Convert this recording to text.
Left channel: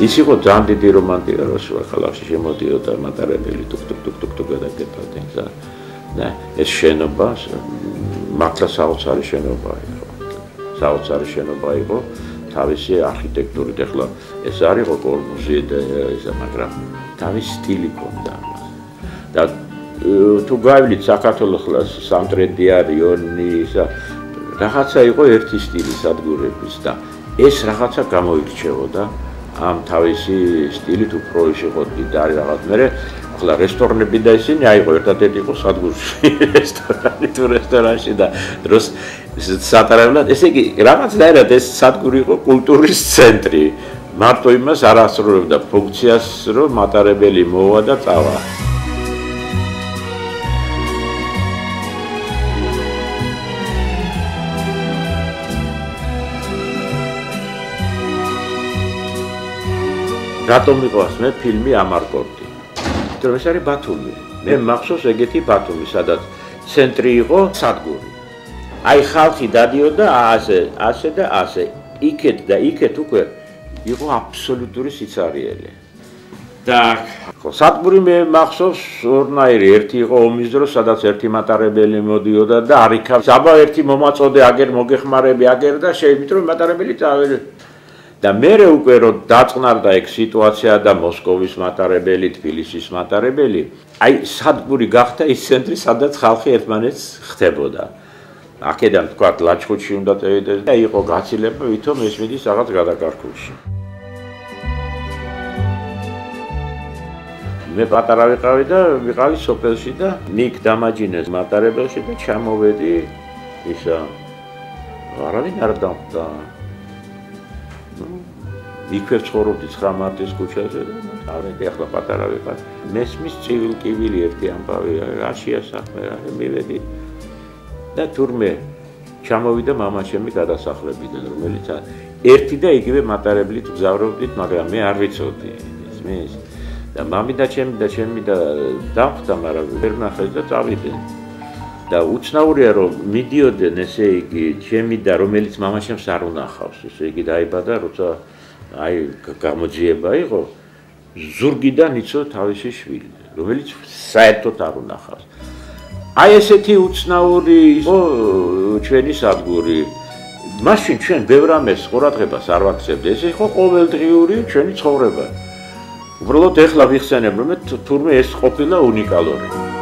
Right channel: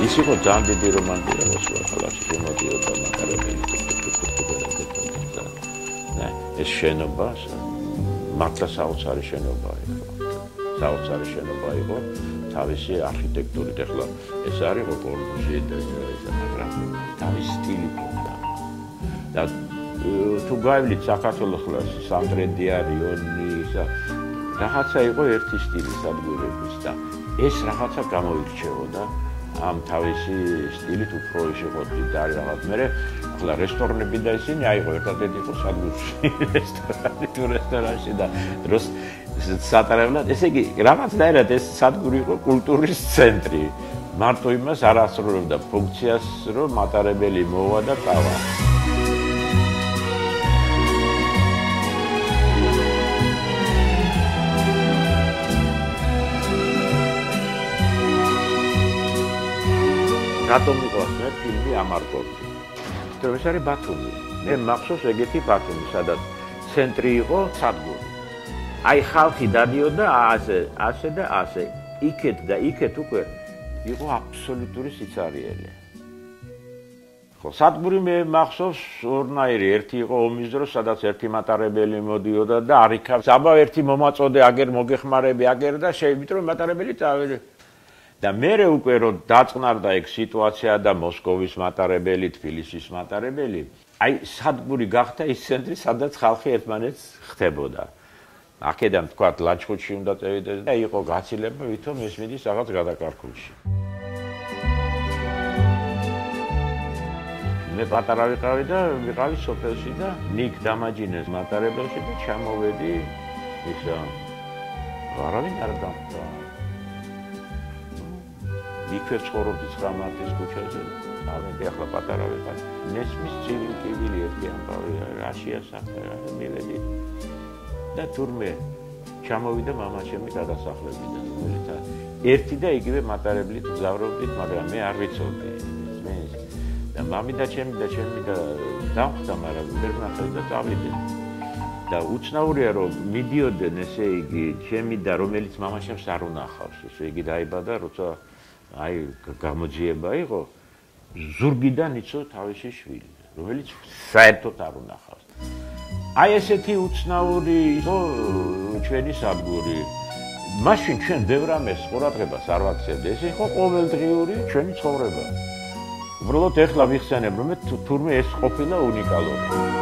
ის იყო ძალიან დიდი რომანტიკა, როცა ქალაქში შემოდიოდა მატარებელი ტუк-ტუк-ტუк-ტუк-ტუк და ეს შენობა მართლა საოცარი შენობა იყო. საოცარი შენობა იყო თავისი არქიტექტურით. ეხლა ეს არ იყო კორბუზიე და ისა, მაგრამ თავისი სტილი ჰქონდა. და თუ გაივლით საქართველოს სამტრედია, რიონი, ისა რაღაცა იყო ერთი სტილი სადგურების და ეს რაღაცა გამოირჩეოდა ამ თავისი სტილით უფრო იყო დიდარი რაღაც. მე ახლა რესტორნები და ისინი აიღო ერთადერთი იყო სადგურში რესტორანში და დროს სატარებლად ესე იგი რაღაცნაირად ეს სადგური იყო კულტურის ცენტრი. მარტო იმას არ ასრულებდა ფუნქციას, რომ მატარებელი მოვა და წავა. რატომ მიყვარს მე ფილმი ამარკორტი? იმიტომ ეს არის ბათუმი. მე მახსოვს ეგეთი ბათუმი, სადაც ცენტრი იყო სადგური. აი ხალხი დადიოდა ასე და ასე. იქეთ და იქეთ უკვე იყო აბსოლუტური სიცარიელე. და სადგური მე მახსოვს ორნაირი, ერთი იყო ომის დროს, სადაც ერთი მატარებელი მოდიოდა და არიქა საბა ერთი მომაწოდე აგერ მოგეხმარები აგერ და შეიძლება რომ მატარებელი წავედი. და მერე უკვე რომ დაწყნარდა ეგ სიტუაცია და მოსკოვის მატარებელი, თბილისის მატარებელი, აი სადგური გახდა ის ცენტრი, სადაც ხალხი ერთმანეთს ხდებოდა. აქედან თქვა ლაჩხუთში უნდა წევიდეს და იყო გაცილება, ვითომ ეს მიდის რაღაც გადაკარგულში. მე პატარა ვიყავი და ვიყავი სოფელში და ნიკ დამაჯინეს მატარებელში და ჩამოვედი ისა არავინ არ დავხვდა. იქვე ცხოვრობდი 9 მარტის ქუჩაზე და ავედი ახლა პატარა ვიყავი. მესმის ცივილ-კივილი ერთი ამბავი რაშია საქმე რა მივედი და თურმე ჩამოვიდა მამაშემი გადასახლებიდან, რომელიც ერთი და იგივე მატარებლით გზავრობდით, მაგრამ მე არ ვიცოდი. ისმის და მამი და ჩემი და დავხვდა, მაგრამ ვერ ნახე და წავიდი. და უცნაურია რომ მიდიოდნენ ესე იგი ჩემი და რომელიც მამაშემს არ უნახავს, ესე იგი დაიბადა როცა აი გამოძიება იყო ზურგიდან იცო თავისი შვილი, რომელიც საერთოდ არ უნახავს. აი ესეთი უცნაური იყო ჩვენი სადგური. მაშინ ჩვენ ბევრ რამეს ყურადღებას არ ვაქცევთ. ეს იყო ყოველდღიური ჩვენი ცხოვრება. უბრალოდ ეხლა ვიხსენებ, რომ თურმე ეს ყოფილა უნიკალური.